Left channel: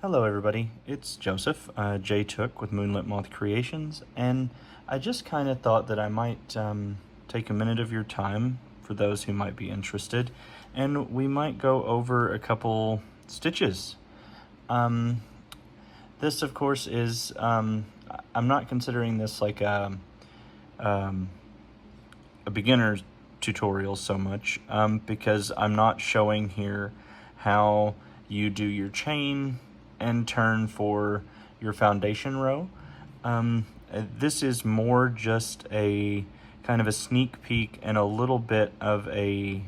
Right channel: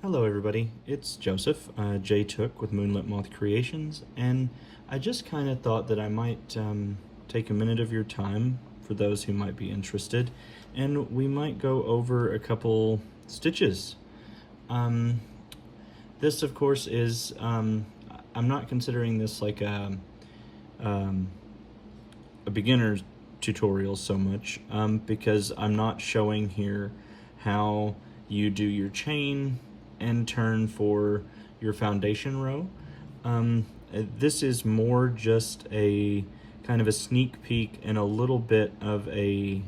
Hello everybody, it's Joseph, J Took with Moonlit Moth Creations, and I just kind of thought that I might take a minute of your time for those who might be interested, and we might go over a couple stitches. This of course is, I'm not considering this like a beginner's tutorial so much, because I'm not showing here how you do your chain and turn for your foundation row. This is more just a kind of a sneak peek and a little bit of a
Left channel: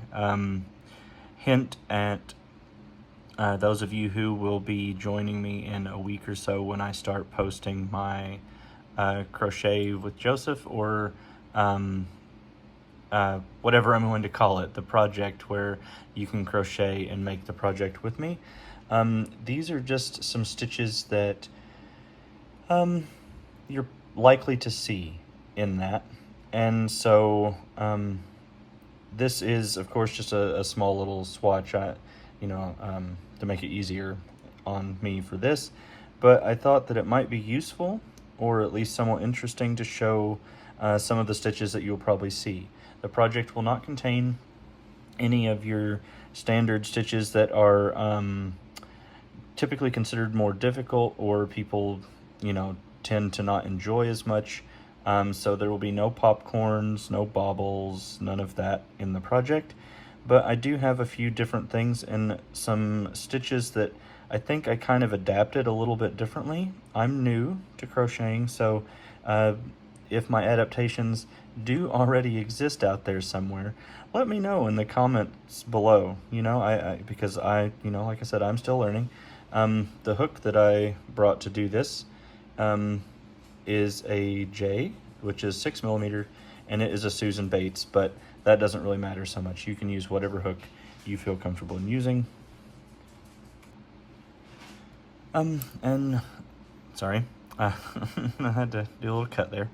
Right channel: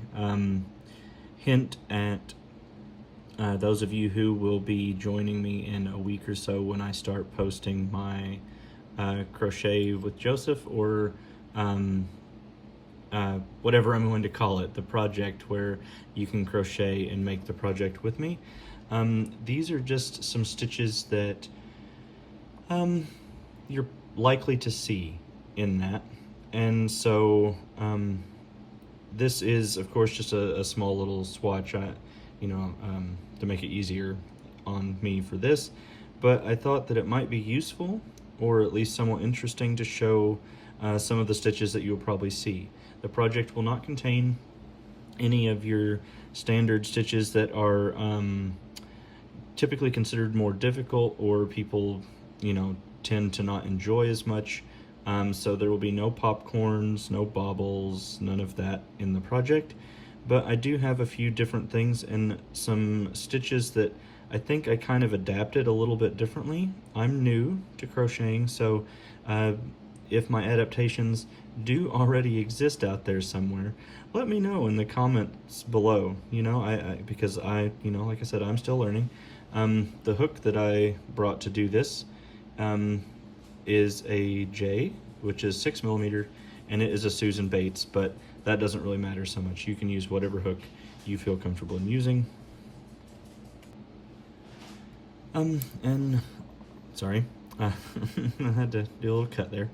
hint at those of you who will be joining me in a week or so when I start posting my Crochet with Joseph, or whatever I'm going to call it, the project where you can crochet and make the project with me. These are just some stitches that you're likely to see in that. And so this is, of course, just a small little swatch, to make it easier on me for this. But I thought that it might be useful, or at least somewhat interesting, to show some of the stitches that you'll probably see. The project will not contain any of your standard stitches that are typically considered more difficult, or people, tend to not enjoy as much. So there will be no popcorns, no baubles, none of that in the project. But I do have a few different things and some stitches that I think I kind of adapted a little bit differently. I'm new to crocheting, so if my adaptations do already exist out there somewhere, let me know in the comments below. Because like I said, I'm still learning. The hook that I brought to do this is a J, which is 6mm, and it is a Susan Bates, but that doesn't really matter so much. You can use whatever hook you feel comfortable in using. And sorry, I had to do a little cut there.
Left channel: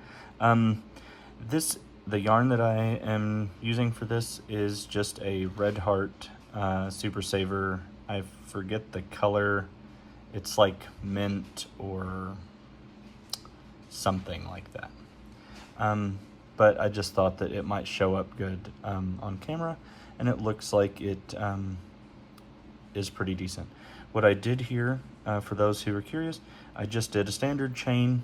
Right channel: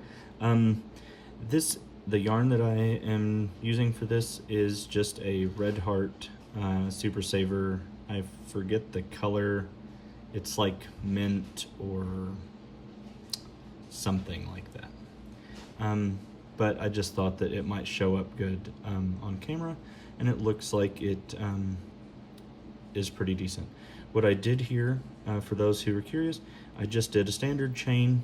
The yarn that I am using for this is just a Red Heart Super Saver. I forget the color. It's like mint or something like that. But I just thought that it might show up good on camera, and it looks like it is pretty decent. What I did here, for those who are curious, I just did a standard chain,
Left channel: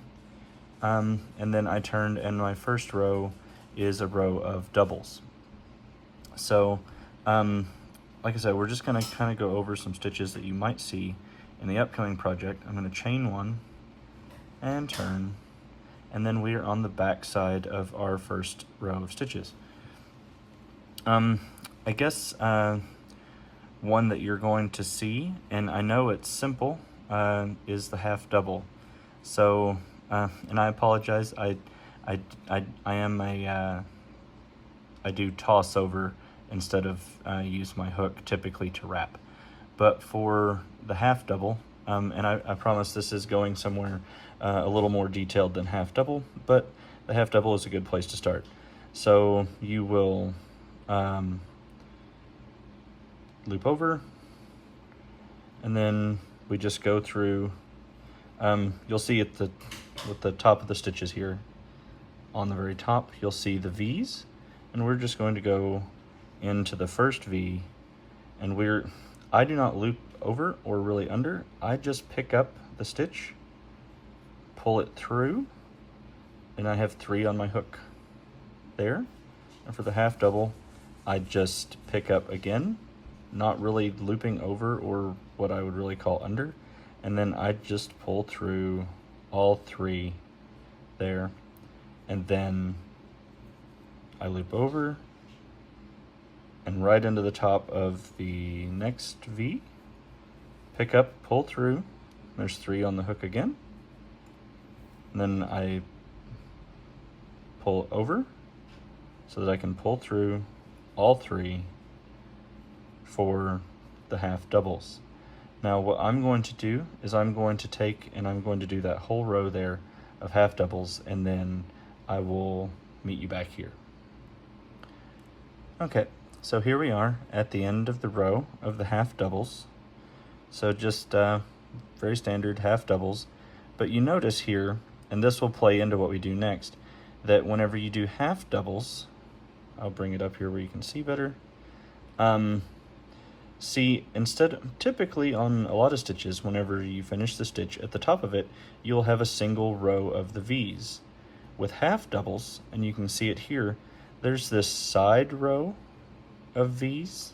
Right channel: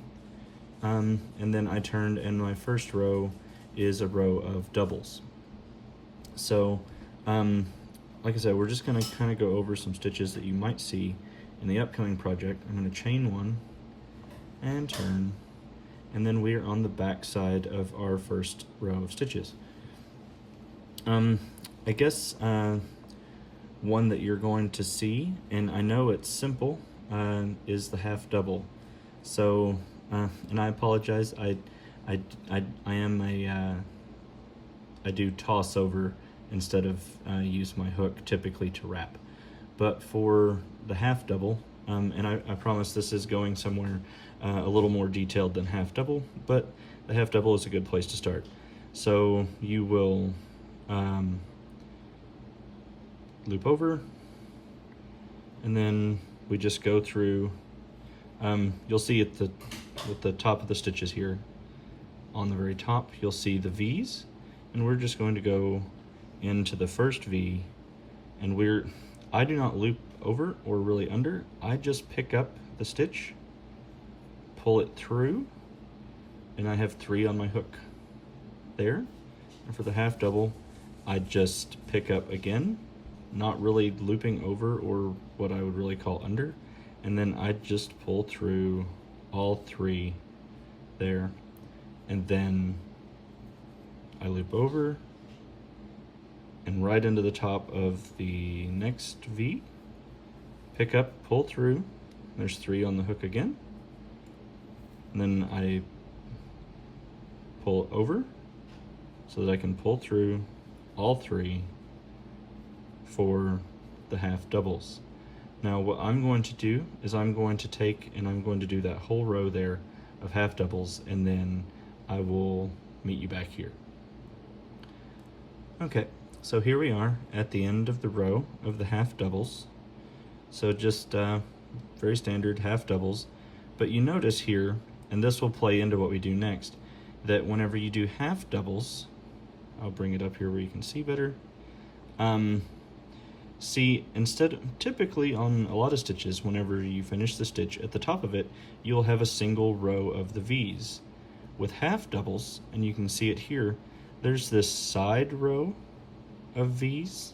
and then I turned, and my first row is a row of doubles. So, like I said, we're just going to kind of go over some stitches that you might see in the upcoming project. I'm going to chain one and turn, and then we're on the back side of our first row of stitches. I guess one that you're going to see, and I know it's simple, is the half double. So, and I apologize, I do toss over instead of use my hook typically to wrap. But for the half double, and I promise this is going somewhere a little more detailed than half double, but the half double is a good place to start. So you will loop over, and then we just go through. You'll see at the top of the stitches here, on the very top, you'll see the V's, and we're just going to go into the first V, and I do not loop over or really under. I just pick up the stitch, pull it through, and I have 3 on my hook there. And for the half double, I just pick up again, not really looping over or what I would really call under, and then I just pull through all 3 there, and then I loop over and right into the top of the next V, pick up, pull through, there's 3 on the hook again, and then I pull over so that I can pull through all 3 for the half doubles. Now what I'm going to do is I'm going to take and I'm going to do that whole row there of half doubles, and then I will meet you back here. Okay, so here we are at the end of the row of the half doubles. So just very standard half doubles. But you notice here, and this will play into what we do next, that whenever you do half doubles, I'll bring it up here where you can see better. See, typically on a lot of stitches, whenever you finish the stitch, at the top of it, you'll have a single row of the V's. With half doubles, and you can see it here, there's this side row of V's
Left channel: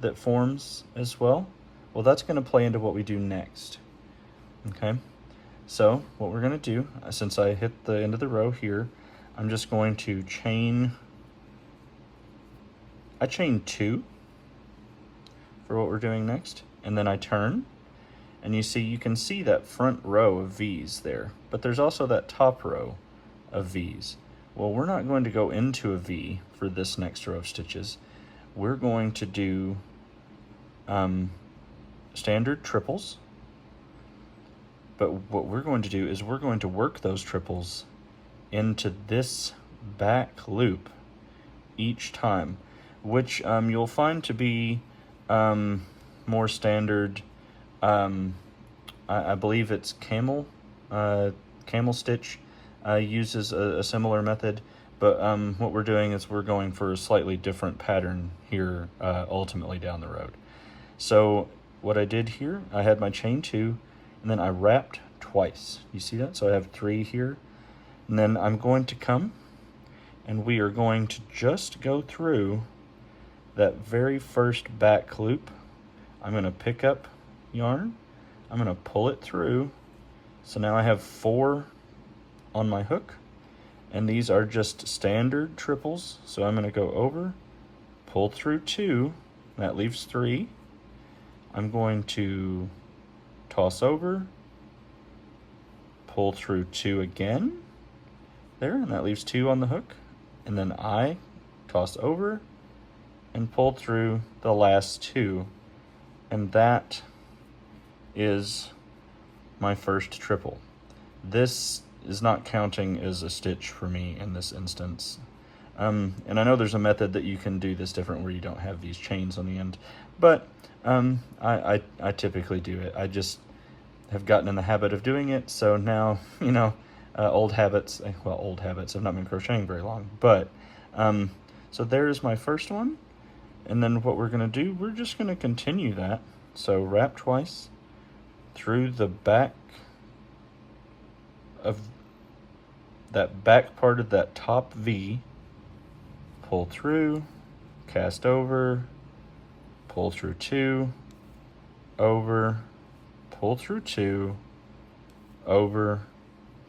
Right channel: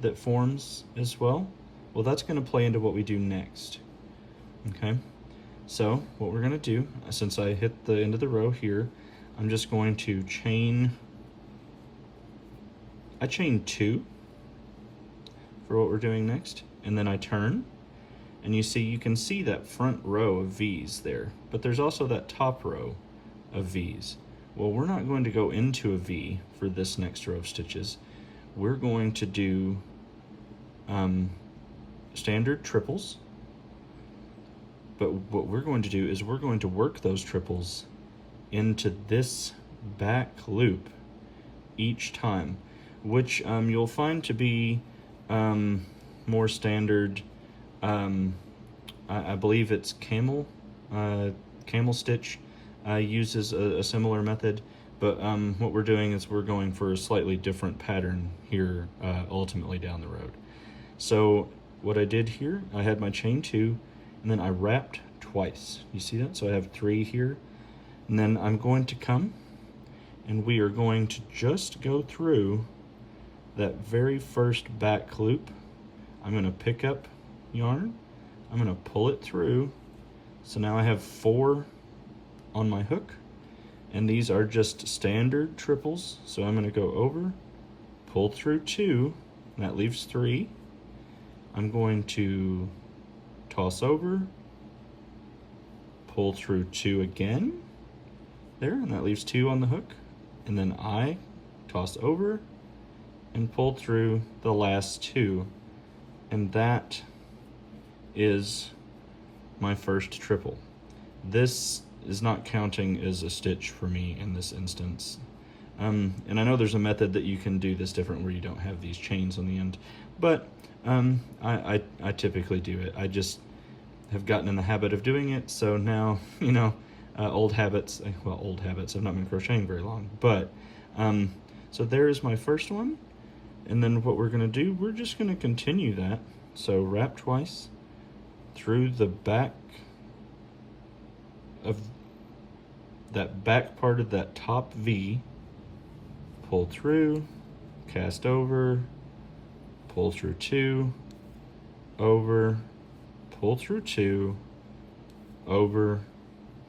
that forms as well. Well, that's going to play into what we do next. Okay, so what we're going to do, since I hit the end of the row here, I'm just going to chain 2 for what we're doing next, and then I turn, and you can see that front row of V's there, but there's also that top row of V's. Well, we're not going to go into a V for this next row of stitches. We're going to do standard triples, but what we're going to do is we're going to work those triples into this back loop each time, which you'll find to be more standard. I believe it's camel stitch uses a similar method, but what we're doing is we're going for a slightly different pattern here ultimately down the road. So what I did here, I had my chain 2, and then I wrapped twice. You see that? So I have 3 here, and then I'm going to come, and we are going to just go through that very first back loop. I'm going to pick up yarn, I'm going to pull it through, so now I have 4 on my hook, and these are just standard triples. So I'm going to go over, pull through 2, that leaves 3. I'm going to toss over, pull through 2 again, there, and that leaves 2 on the hook, and then I toss over and pull through the last 2, and that is my first triple. This is not counting as a stitch for me in this instance. And I know there's a method that you can do this different where you don't have these chains on the end, but I typically do it. I just have gotten in the habit of doing it, so now, old habits, I've not been crocheting very long, but so there's my first one. And then what we're going to do, we're just going to continue that. So wrap twice through the back of that back part of that top V, pull through, cast over, pull through 2, over, pull through 2, over,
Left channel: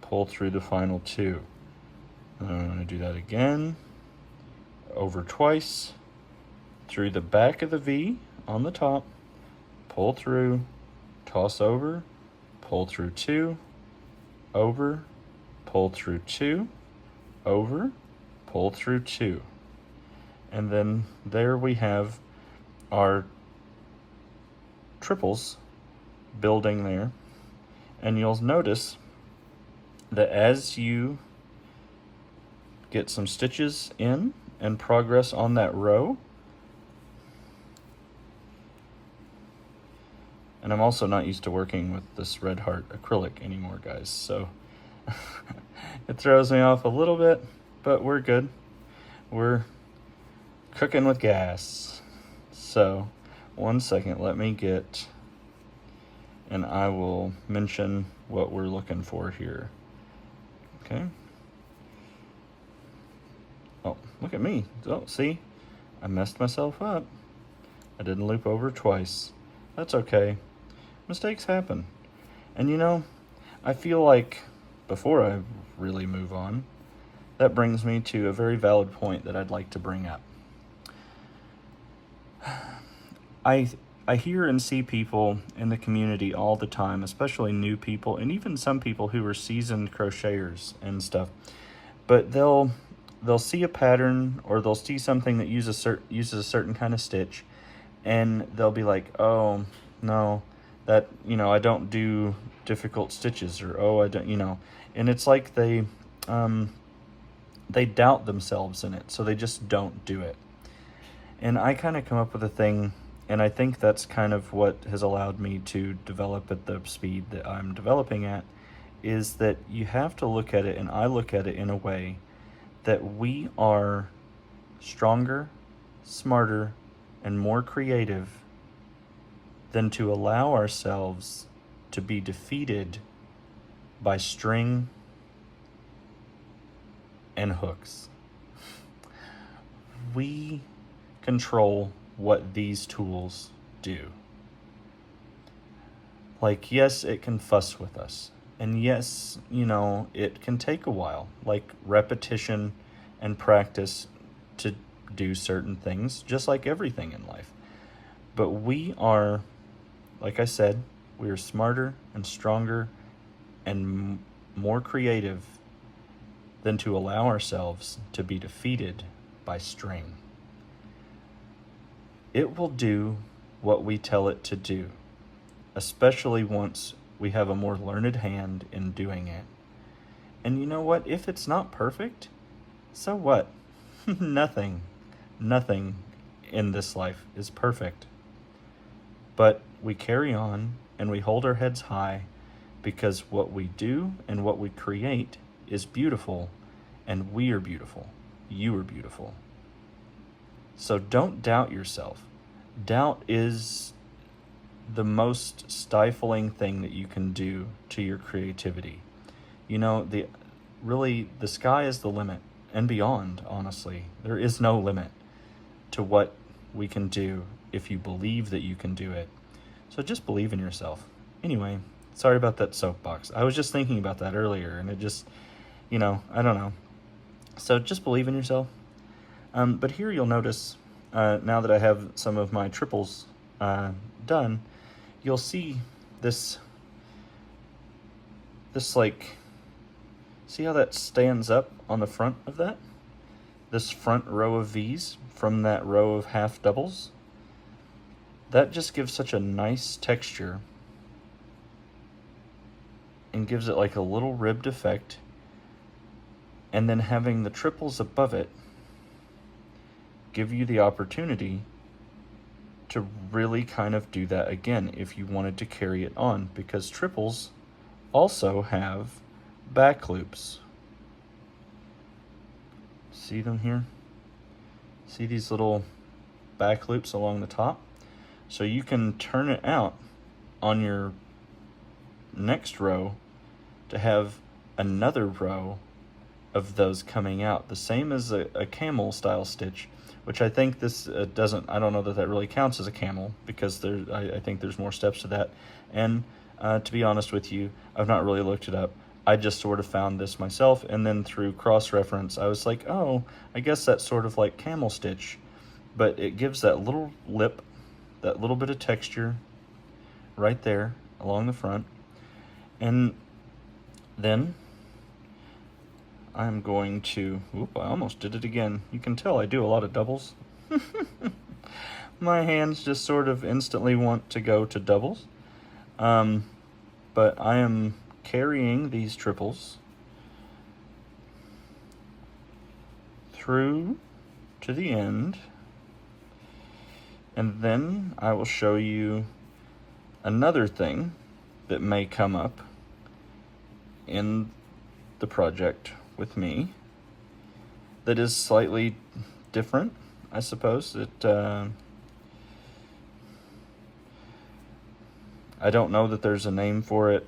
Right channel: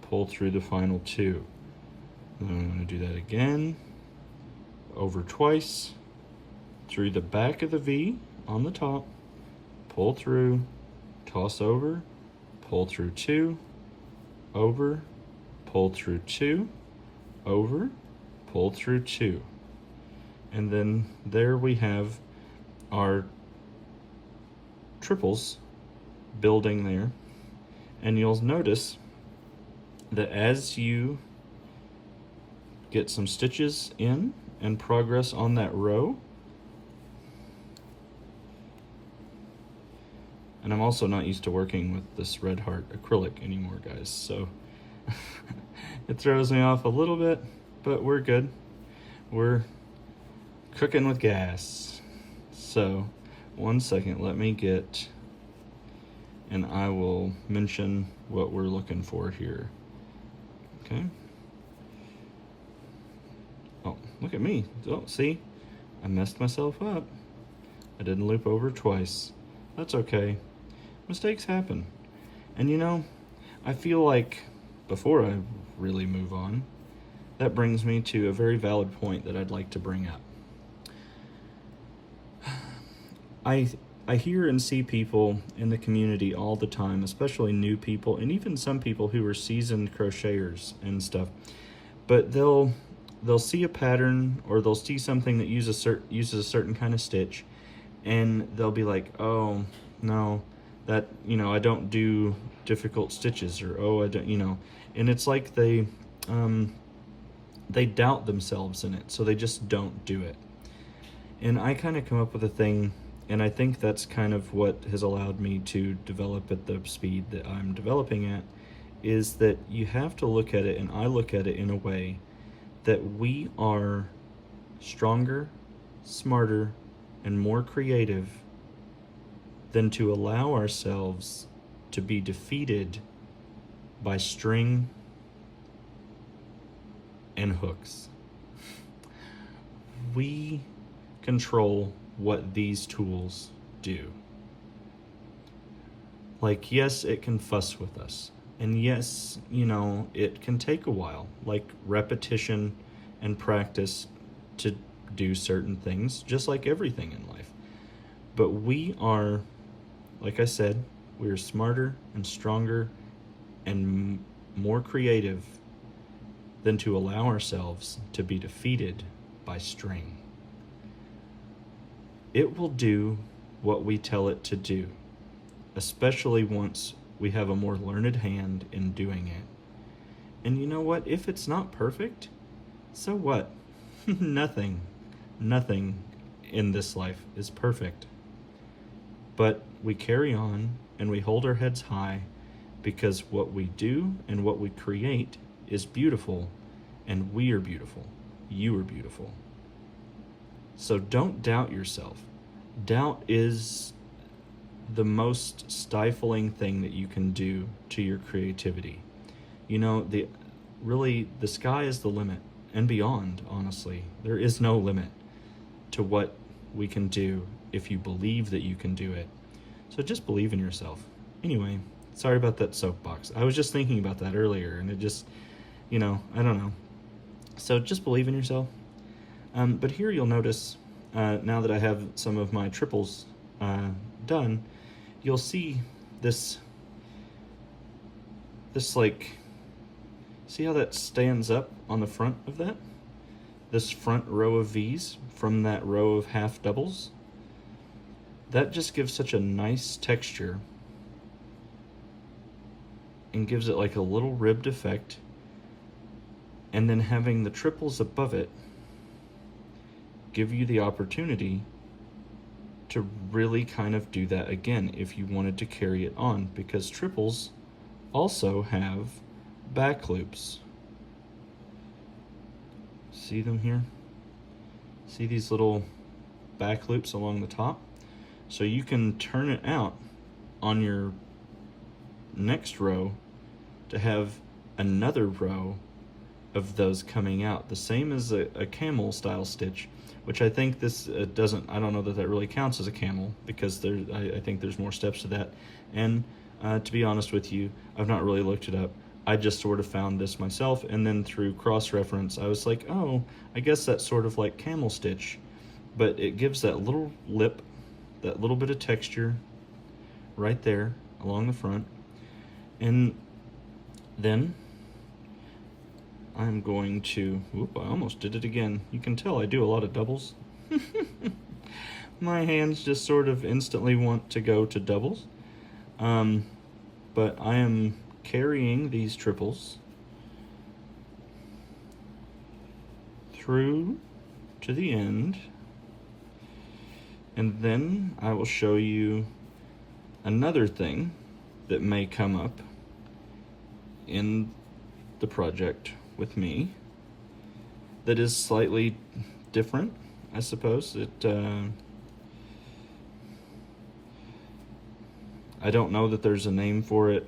pull through the final 2. And then I'm going to do that again, over twice, through the back of the V on the top, pull through, toss over, pull through 2, over, pull through 2, over, pull through 2. And then there we have our triples building there. And you'll notice that as you get some stitches in and progress on that row, and I'm also not used to working with this Red Heart acrylic anymore, guys, so it throws me off a little bit, but we're good. We're cooking with gas. So, one second, let me get, and I will mention what we're looking for here. Okay. Oh, look at me. Oh, see? I messed myself up. I didn't loop over twice. That's okay. Mistakes happen. And I feel like before I really move on, that brings me to a very valid point that I'd like to bring up. I hear and see people in the community all the time, especially new people, and even some people who are seasoned crocheters and stuff, but they'll see a pattern or they'll see something that uses a certain kind of stitch, and they'll be like, oh, no, that, I don't do difficult stitches, or, oh, I don't, and it's like they doubt themselves in it, so they just don't do it. And I kind of come up with a thing And I think that's kind of what has allowed me to develop at the speed that I'm developing at, is that you have to look at it, and I look at it in a way that we are stronger, smarter, and more creative than to allow ourselves to be defeated by string and hooks. We control what these tools do. Like, yes, it can fuss with us. And yes, it can take a while, like repetition and practice to do certain things, just like everything in life. But we are, like I said, we are smarter and stronger and more creative than to allow ourselves to be defeated by string. It will do what we tell it to do, especially once we have a more learned hand in doing it. And you know what? If it's not perfect, so what? Nothing in this life is perfect. But we carry on and we hold our heads high, because what we do and what we create is beautiful, and we are beautiful. You are beautiful. So don't doubt yourself. Doubt is the most stifling thing that you can do to your creativity. The sky is the limit, and beyond, honestly. There is no limit to what we can do if you believe that you can do it. So just believe in yourself. Anyway, sorry about that soapbox. I was just thinking about that earlier, and it just, I don't know. So just believe in yourself. But here you'll notice, now that I have some of my triples done, you'll see this see how that stands up on the front of that? This front row of V's from that row of half doubles? That just gives such a nice texture and gives it like a little ribbed effect. And then having the triples above it give you the opportunity to really kind of do that again if you wanted to carry it on, because triples also have back loops. See them here? See these little back loops along the top? So you can turn it out on your next row to have another row of those coming out, the same as a camel style stitch, which I think this doesn't, I don't know that really counts as a camel, because I think there's more steps to that. And to be honest with you, I've not really looked it up. I just sort of found this myself, and then through cross-reference, I was like, oh, I guess that's sort of like camel stitch. But it gives that little lip, that little bit of texture right there along the front. And then I'm going to, I almost did it again. You can tell I do a lot of doubles. My hands just sort of instantly want to go to doubles. But I am carrying these triples through to the end, and then I will show you another thing that may come up in the project with me that is slightly different, I suppose. I don't know that there's a name for it,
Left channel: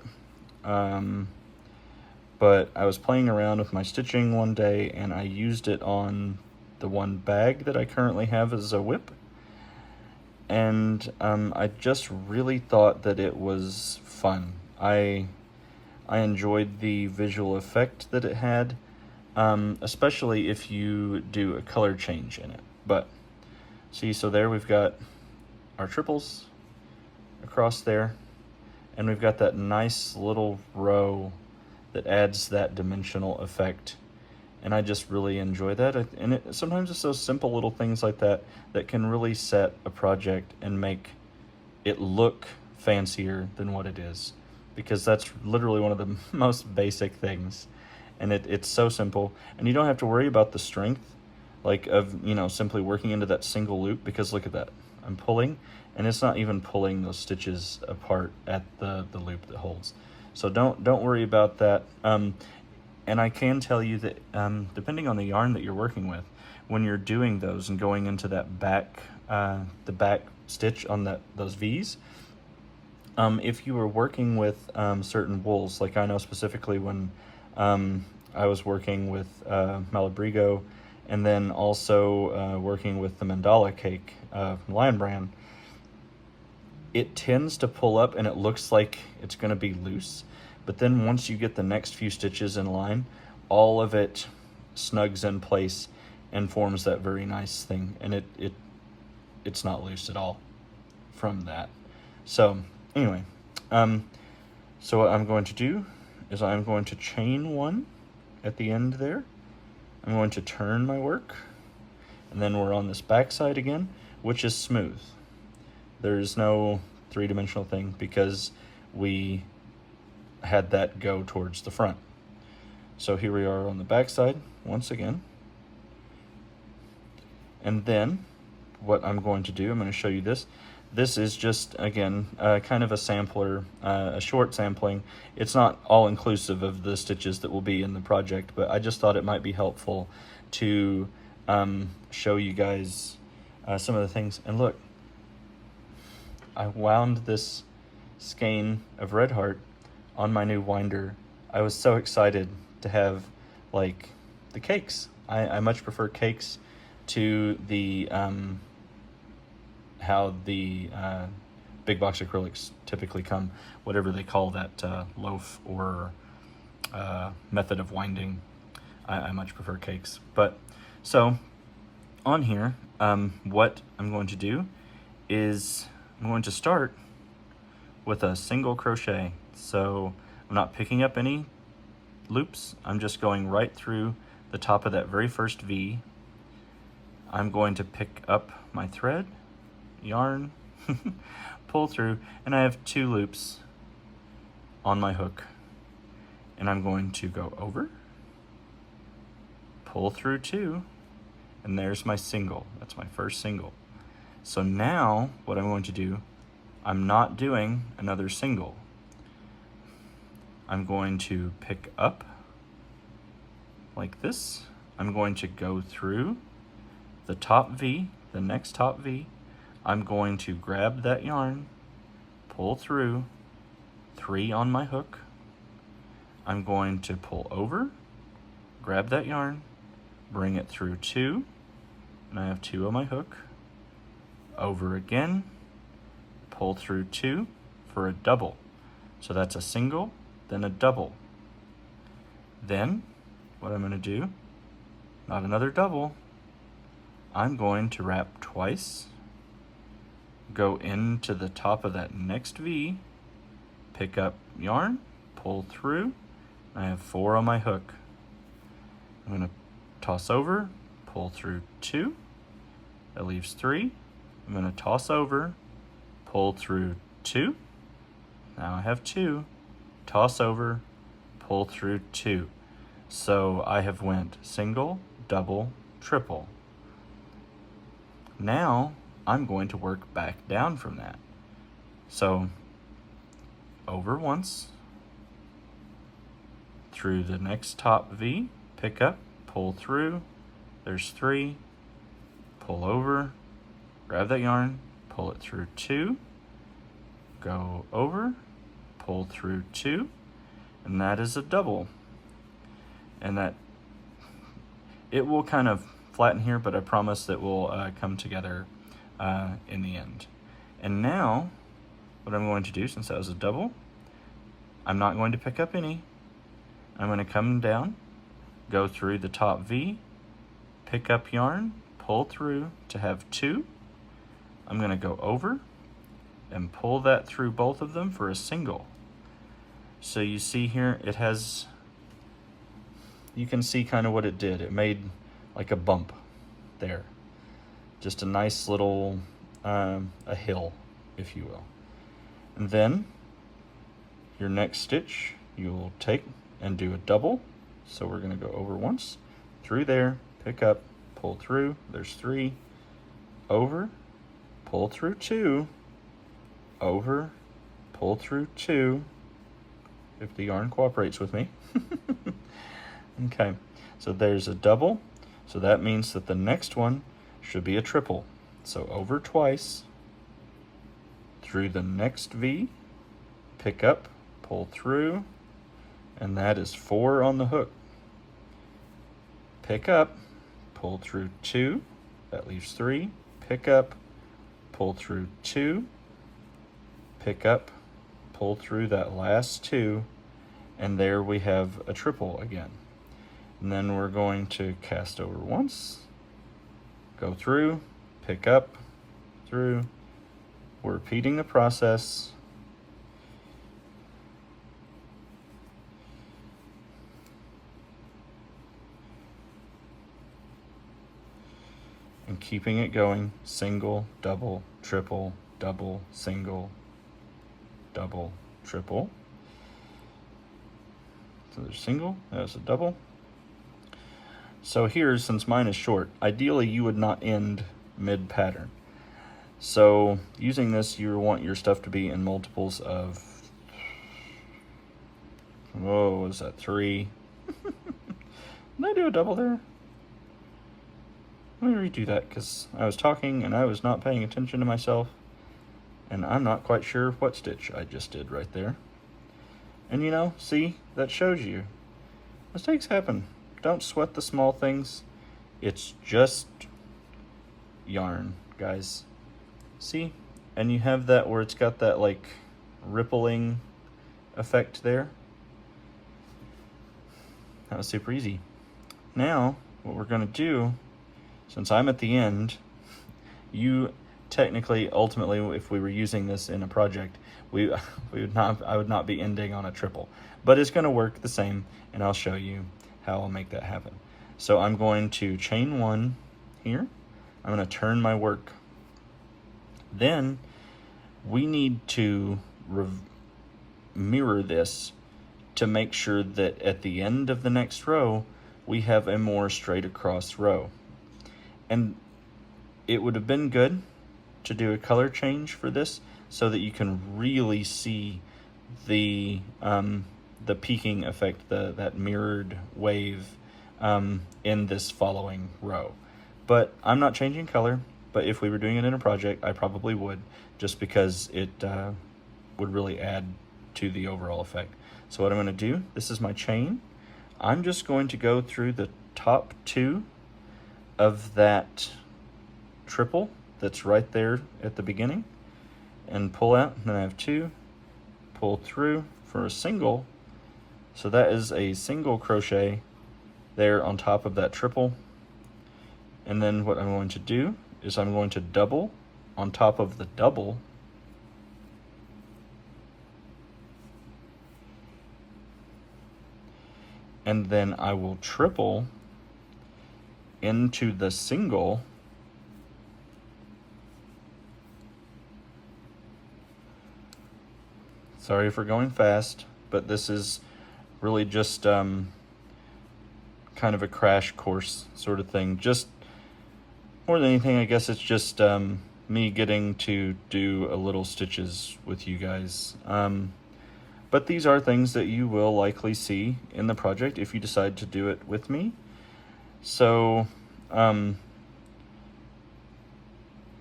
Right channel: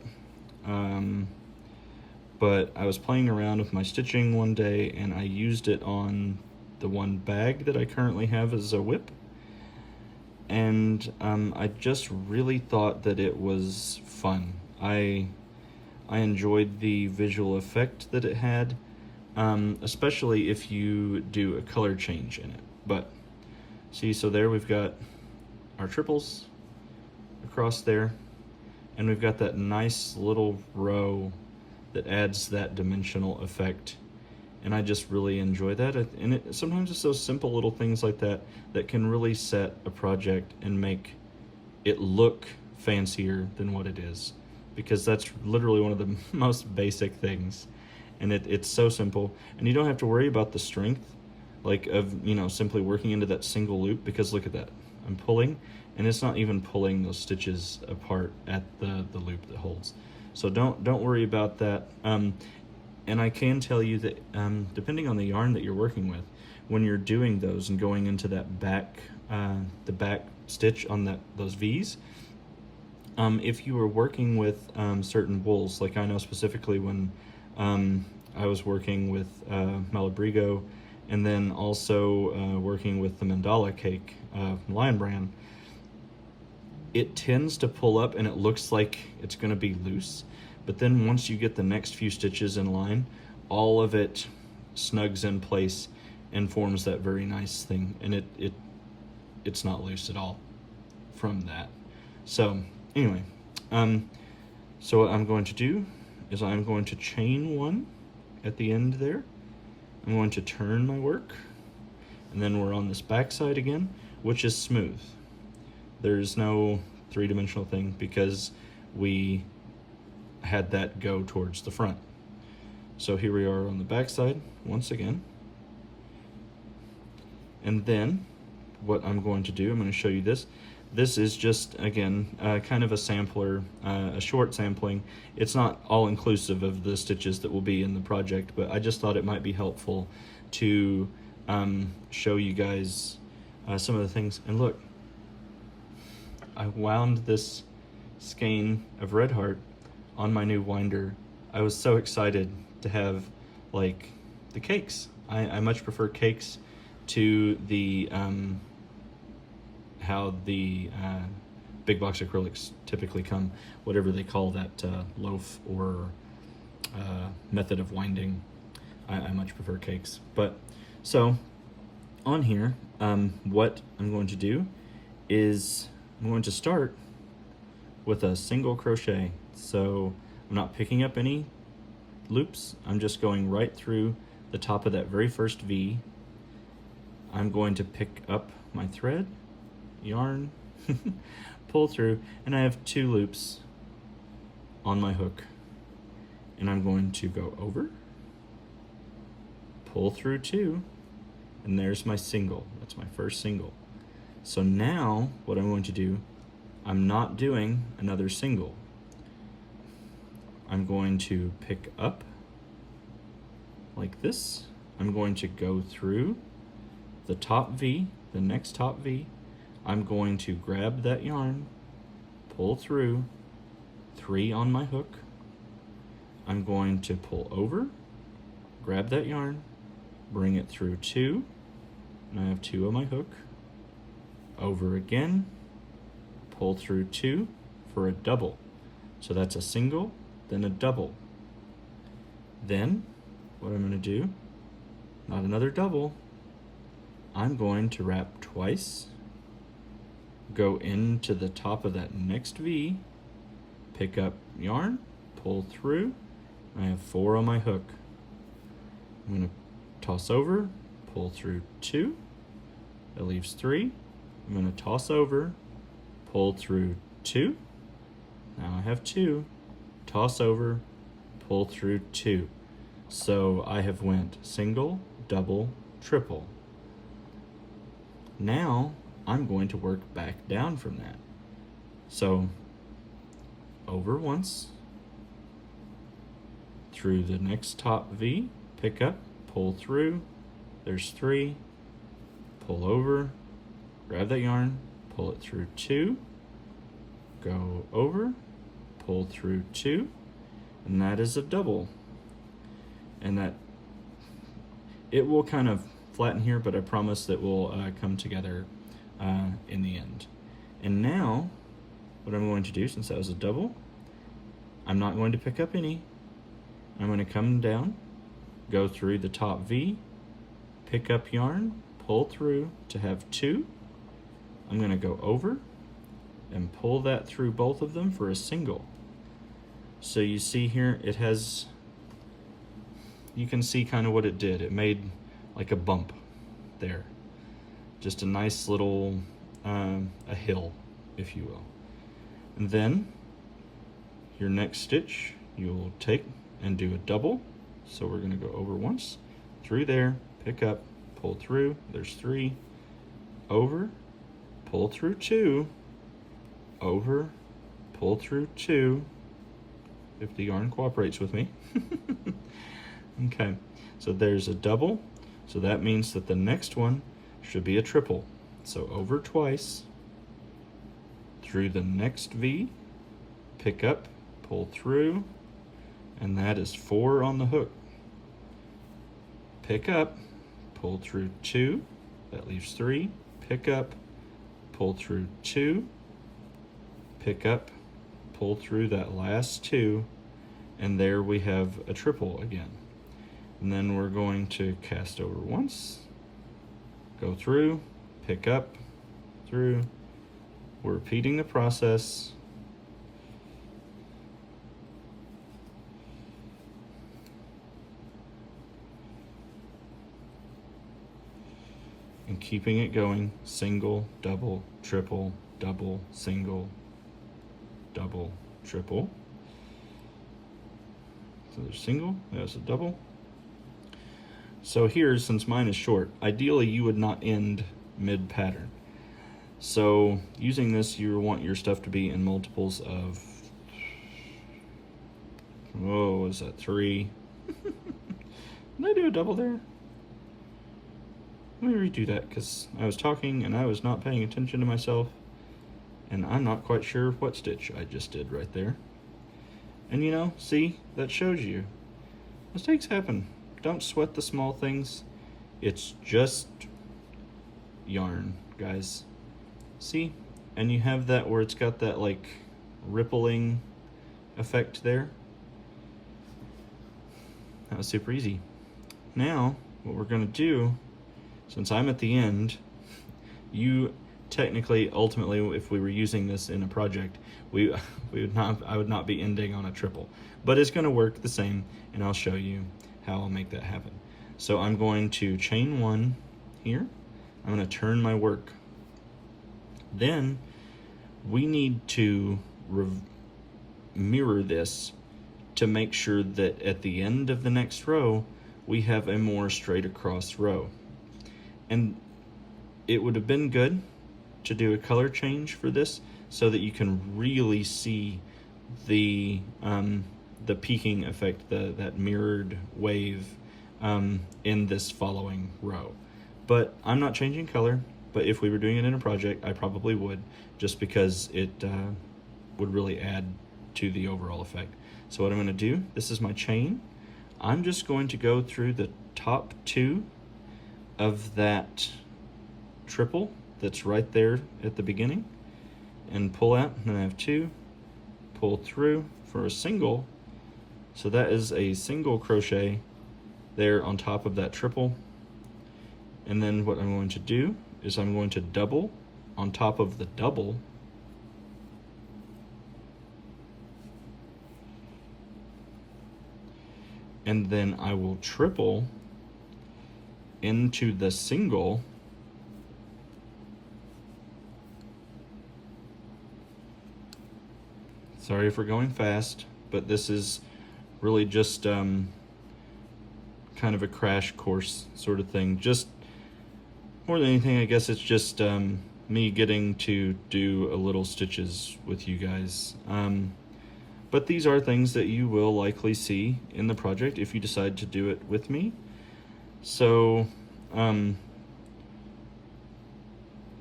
but I was playing around with my stitching one day, and I used it on the one bag that I currently have as a whip, and I just really thought that it was fun. I enjoyed the visual effect that it had, especially if you do a color change in it. But see, so there we've got our triples across there, and we've got that nice little row that adds that dimensional effect, and I just really enjoy that. And sometimes it's those simple little things like that that can really set a project and make it look fancier than what it is, because that's literally one of the most basic things, and it's so simple, and you don't have to worry about the strength, like of simply working into that single loop, because look at that, I'm pulling, and it's not even pulling those stitches apart at the loop that holds. So don't worry about that. And I can tell you that depending on the yarn that you're working with, when you're doing those and going into that back, the back stitch on those V's, if you were working with certain wools, like I know specifically when I was working with Malabrigo, and then also working with the Mandala cake from Lion Brand, it tends to pull up and it looks like it's going to be loose, but then once you get the next few stitches in line, all of it snugs in place and forms that very nice thing, and it's not loose at all from that. So anyway, so what I'm going to do is I'm going to chain one at the end there. I'm going to turn my work, and then we're on this back side again, which is smooth. There's no three-dimensional thing because we had that go towards the front. So here we are on the back side once again. And then what I'm going to do, I'm going to show you this. This is just, again, kind of a sampler, a short sampling. It's not all inclusive of the stitches that will be in the project, but I just thought it might be helpful to show you guys some of the things. And look, I wound this skein of Red Heart on my new winder. I was so excited to have, like, the cakes. I much prefer cakes to the how the big box acrylics typically come, whatever they call that loaf or method of winding. I much prefer cakes. But so on here, what I'm going to do is I'm going to start with a single crochet. So I'm not picking up any loops. I'm just going right through the top of that very first V. I'm going to pick up my thread, yarn, pull through, and I have 2 loops on my hook. And I'm going to go over, pull through 2, and there's my single. That's my first single. So now what I'm going to do, I'm not doing another single. I'm going to pick up like this. I'm going to go through the top V, the next top V. I'm going to grab that yarn, pull through, 3 on my hook. I'm going to pull over, grab that yarn, bring it through 2, and I have 2 on my hook. Over again, pull through 2 for a double. So that's a single, then a double. Then what I'm going to do, not another double, I'm going to wrap twice, go into the top of that next V, pick up yarn, pull through, and I have 4 on my hook. I'm going to toss over, pull through 2, that leaves 3. I'm going to toss over, pull through 2, now I have 2, toss over, pull through 2. So I have went single, double, triple. Now I'm going to work back down from that. So over once, through the next top V, pick up, pull through, there's 3, pull over, grab that yarn, pull it through 2, go over, pull through 2, and that is a double. And that, it will kind of flatten here, but I promise that will come together in the end. And now, what I'm going to do, since that was a double, I'm not going to pick up any. I'm going to come down, go through the top V, pick up yarn, pull through to have 2. I'm going to go over and pull that through both of them for a single. So you see here, it has, you can see kind of what it did. It made like a bump there. Just a nice little, a hill, if you will. And then your next stitch, you'll take and do a double. So we're going to go over once, through there, pick up, pull through, there's 3, over, pull through 2, over, pull through 2, if the yarn cooperates with me. Okay, so there's a double, so that means that the next one should be a triple. So over twice, through the next V, pick up, pull through, and that is 4 on the hook. Pick up, pull through 2, that leaves 3, pick up, pull through 2, pick up, pull through that last 2, and there we have a triple again. And then we're going to cast over once, go through, pick up, through. We're repeating the process. And keeping it going, single, double, triple, double, single, double, triple. So there's single, there's a double. So here, since mine is short, ideally you would not end mid-pattern. So using this, you want your stuff to be in multiples of, whoa, is that 3? Did I do a double there? Let me redo that, because I was talking and I was not paying attention to myself, and I'm not quite sure what stitch I just did right there. And you know, see, that shows you. Mistakes happen. Don't sweat the small things. It's just yarn, guys. See? And you have that where it's got that like rippling effect there. That was super easy. Now, what we're gonna do, since I'm at the end, you technically, ultimately, if we were using this in a project, I would not be ending on a triple, but it's gonna work the same, and I'll show you how I'll make that happen. So I'm going to chain 1 here. I'm going to turn my work. Then we need to mirror this to make sure that at the end of the next row, we have a more straight across row. And it would have been good to do a color change for this so that you can really see the peaking effect, that mirrored wave in this following row. But I'm not changing color, but if we were doing it in a project, I probably would, just because it would really add to the overall effect. So what I'm gonna do, this is my chain. I'm just going to go through the top 2 of that triple that's right there at the beginning and pull out, and then I have 2, pull through for a single. So that is a single crochet there on top of that triple. And then what I'm going to do is I'm going to double on top of the double. And then I will triple into the single. Sorry for going fast, but this is really just kind of a crash course sort of thing. Just more than anything, I guess it's just me getting to do a little stitches with you guys. But these are things that you will likely see in the project if you decide to do it with me. So, you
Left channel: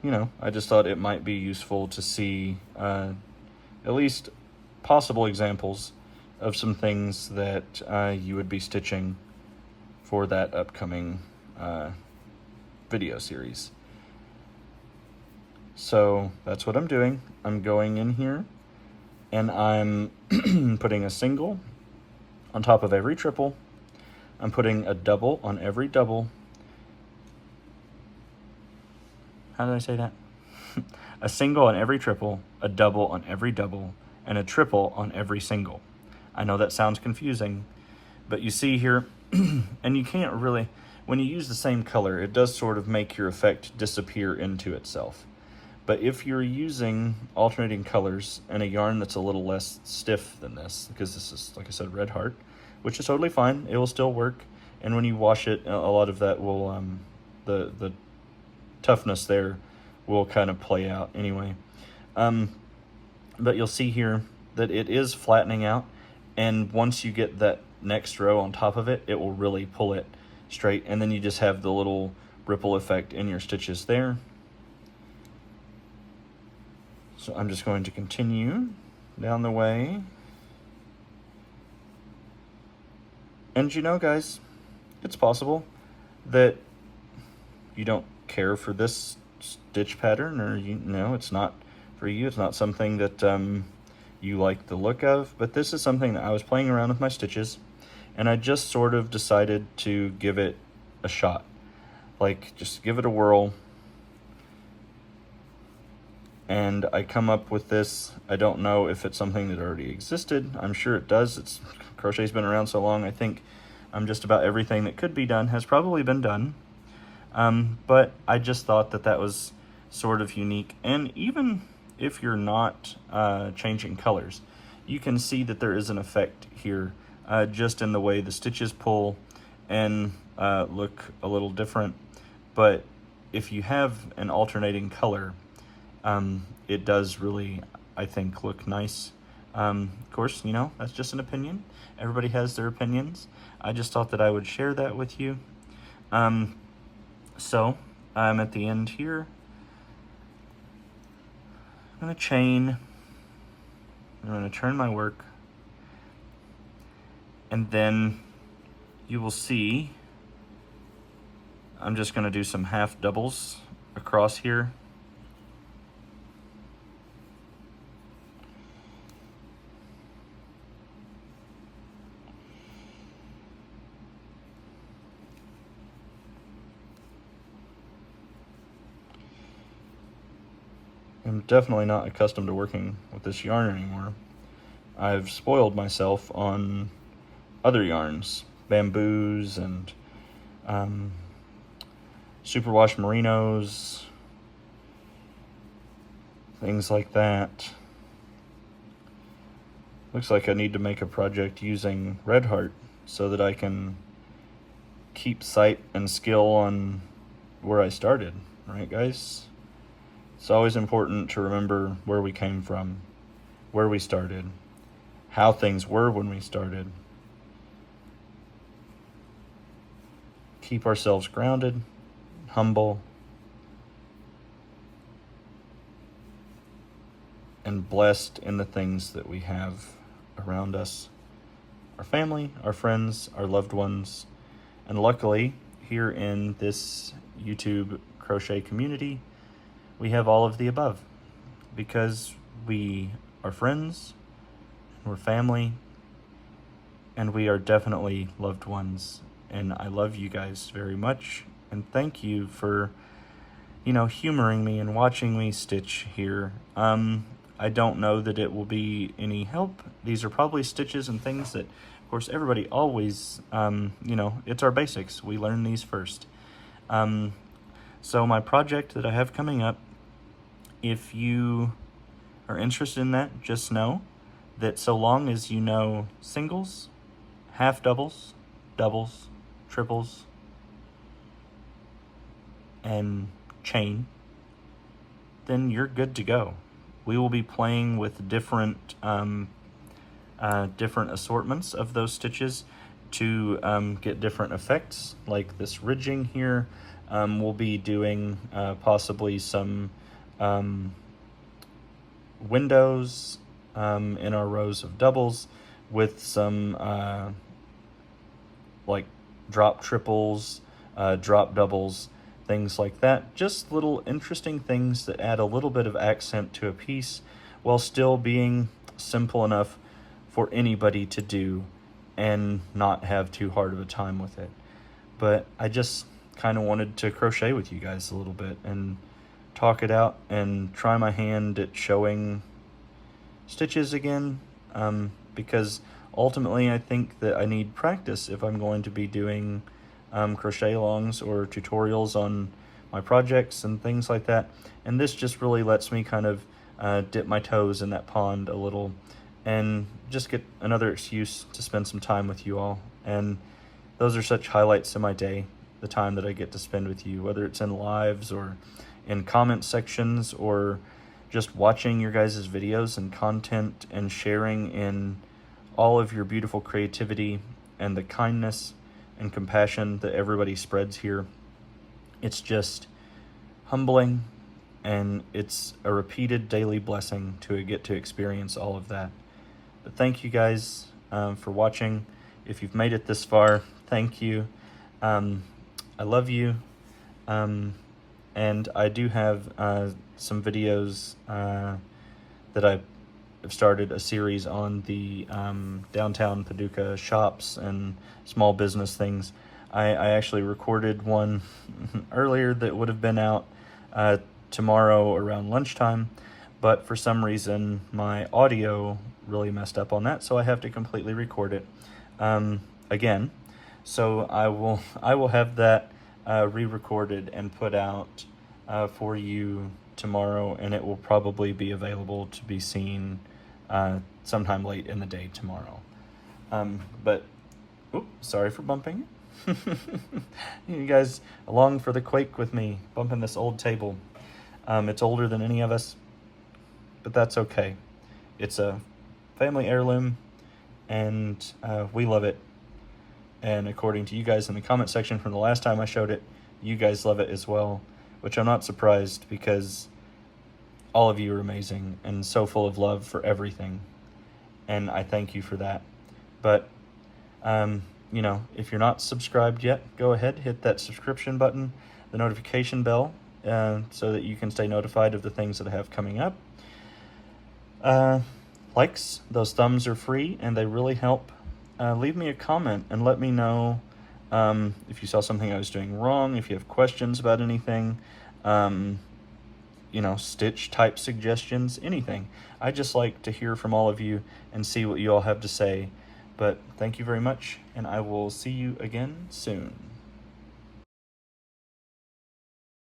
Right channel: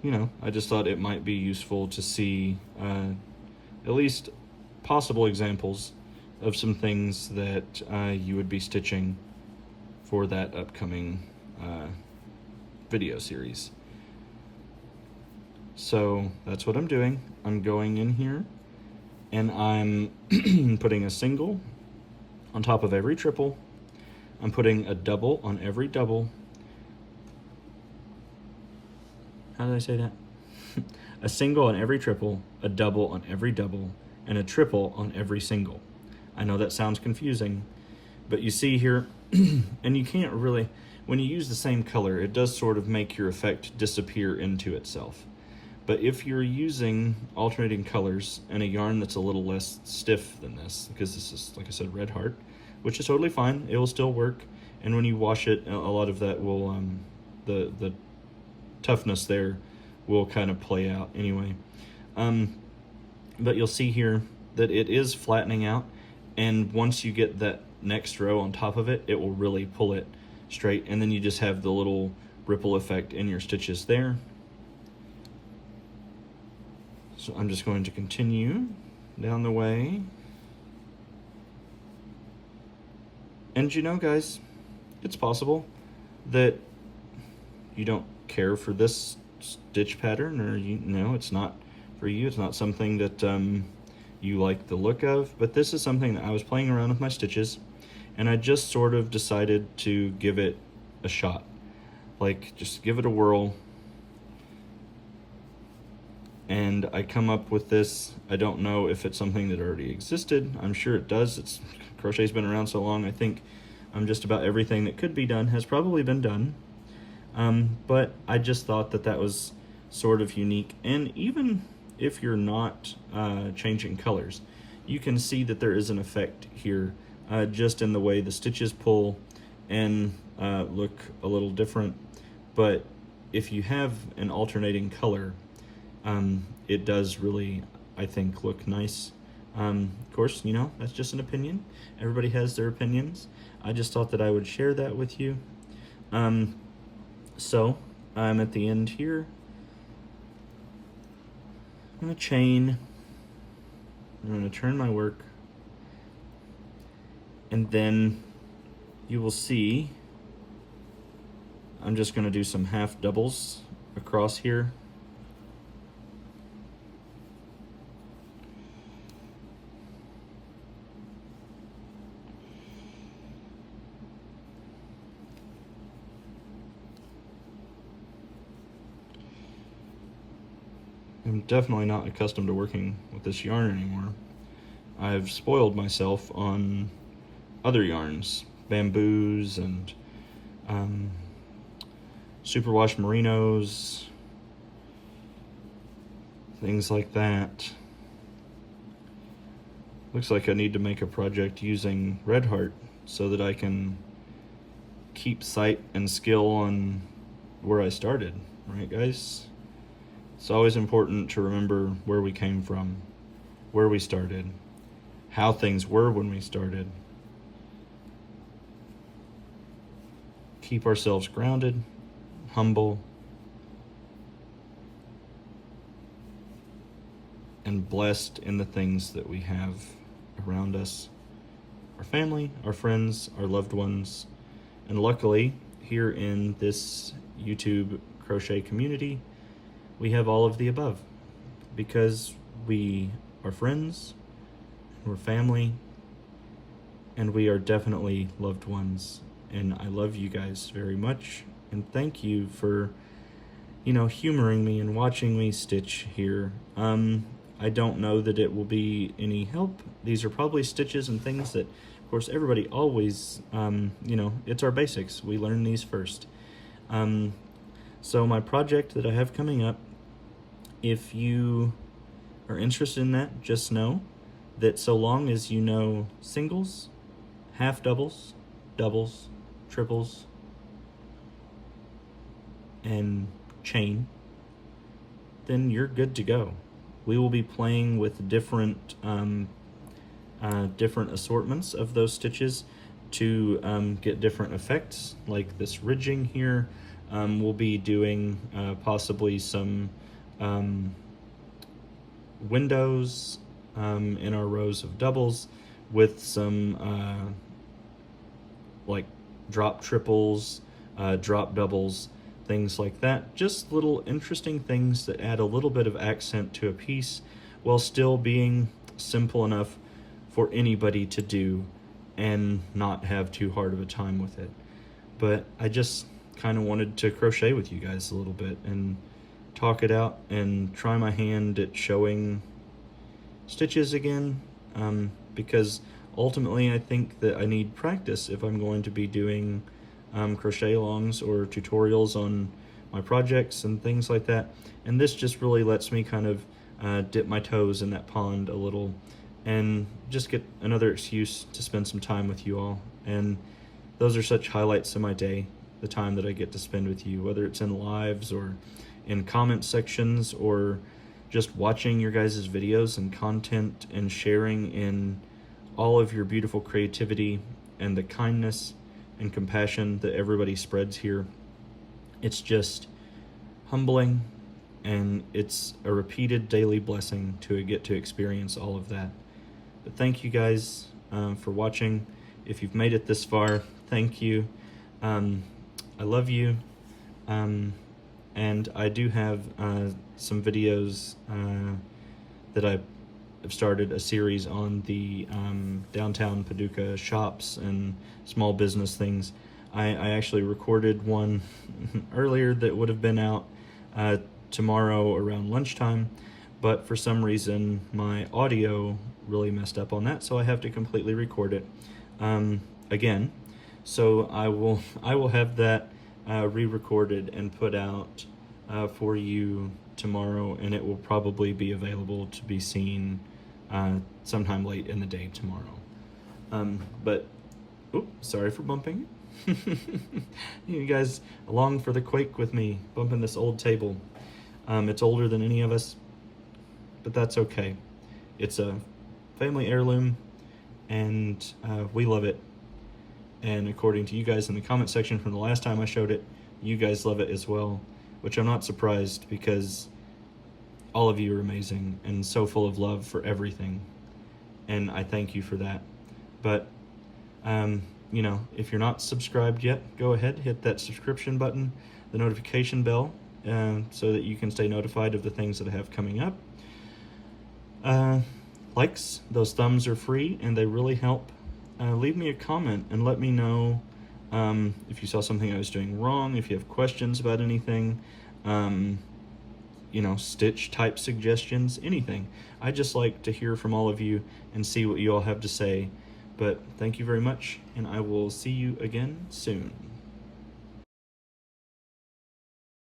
know, I just thought it might be useful to see at least possible examples of some things that you would be stitching for that upcoming video series. So that's what I'm doing. I'm going in here and I'm putting a single on top of every triple. I'm putting a double on every double. How did I say that? A single on every triple, a double on every double, and a triple on every single. I know that sounds confusing, but you see here, and you can't really, when you use the same color, it does sort of make your effect disappear into itself. But if you're using alternating colors and a yarn that's a little less stiff than this, because this is, like I said, Red Heart, which is totally fine, it will still work, and when you wash it, a lot of that will, the toughness there will kind of play out anyway. but you'll see here that it is flattening out, and once you get that next row on top of it, it will really pull it straight, and then you just have the little ripple effect in your stitches there. So I'm just going to continue down the way. And you know, guys, it's possible that you don't care for this stitch pattern, or you know it's not for you. It's not something that you like the look of, but this is something that I was playing around with my stitches, and I just sort of decided to give it a shot. Like, just give it a whirl. And I come up with this. I don't know if it's something that already existed. I'm sure it does. Crochet's been around so long. I think just about everything that could be done has probably been done. But I just thought that that was sort of unique. And even if you're not changing colors, you can see that there is an effect here just in the way the stitches pull and look a little different. But if you have an alternating color, it does really, I think, look nice. Of course, you know, that's just an opinion. Everybody has their opinions. I just thought that I would share that with you. So I'm at the end here. I'm going to chain. I'm going to turn my work. And then you will see I'm just going to do some half doubles across here. I'm definitely not accustomed to working with this yarn anymore. I've spoiled myself on other yarns, bamboos and superwash merinos, things like that. Looks like I need to make a project using Red Heart so that I can keep sight and skill on where I started, right guys? It's always important to remember where we came from, where we started, how things were when we started. Keep ourselves grounded, humble, and blessed in the things that we have around us. Our family, our friends, our loved ones, and luckily, here in this YouTube crochet community, we have all of the above, because we are friends, we're family, and we are definitely loved ones. And I love you guys very much, and thank you for, you know, humoring me and watching me stitch here. I don't know that it will be any help. These are probably stitches and things that, of course, everybody always, you know, it's our basics. We learn these first. So my project that I have coming up, if you are interested in that, just know that so long as you know singles, half doubles, doubles, triples, and chain, then you're good to go. We will be playing with different different assortments of those stitches to get different effects, like this ridging here. We'll be doing possibly some windows in our rows of doubles with some like drop triples, drop doubles, things like that. Just little interesting things that add a little bit of accent to a piece while still being simple enough for anybody to do and not have too hard of a time with it. But I just kind of wanted to crochet with you guys a little bit and talk it out and try my hand at showing stitches again, because ultimately I think that I need practice if I'm going to be doing crochet alongs or tutorials on my projects and things like that. And this just really lets me kind of dip my toes in that pond a little and just get another excuse to spend some time with you all. And those are such highlights in my day, the time that I get to spend with you, whether it's in lives or in comment sections or just watching your guys' videos and content and sharing in all of your beautiful creativity and the kindness and compassion that everybody spreads here. It's just humbling, and it's a repeated daily blessing to get to experience all of that. But thank you guys for watching. If you've made it this far, thank you. I love you. And I do have some videos that I've started a series on the downtown Paducah shops and small business things. I actually recorded one earlier that would have been out tomorrow around lunchtime, but for some reason my audio really messed up on that, so I have to completely record it again. So I will have that re-recorded and put out for you tomorrow, and it will probably be available to be seen sometime late in the day tomorrow. But sorry for bumping. You guys along for the quake with me, bumping this old table. It's older than any of us, but that's okay. It's a family heirloom, and we love it. And according to you guys in the comment section from the last time I showed it, you guys love it as well, which I'm not surprised, because all of you are amazing and so full of love for everything, and I thank you for that. But you know, if you're not subscribed yet, go ahead, hit that subscription button, the notification bell, so that you can stay notified of the things that I have coming up. Likes, those thumbs are free and they really help. Leave me a comment and let me know if you saw something I was doing wrong, if you have questions about anything, you know, stitch type suggestions, anything. I just like to hear from all of you and see what you all have to say. But thank you very much, and I will see you again soon.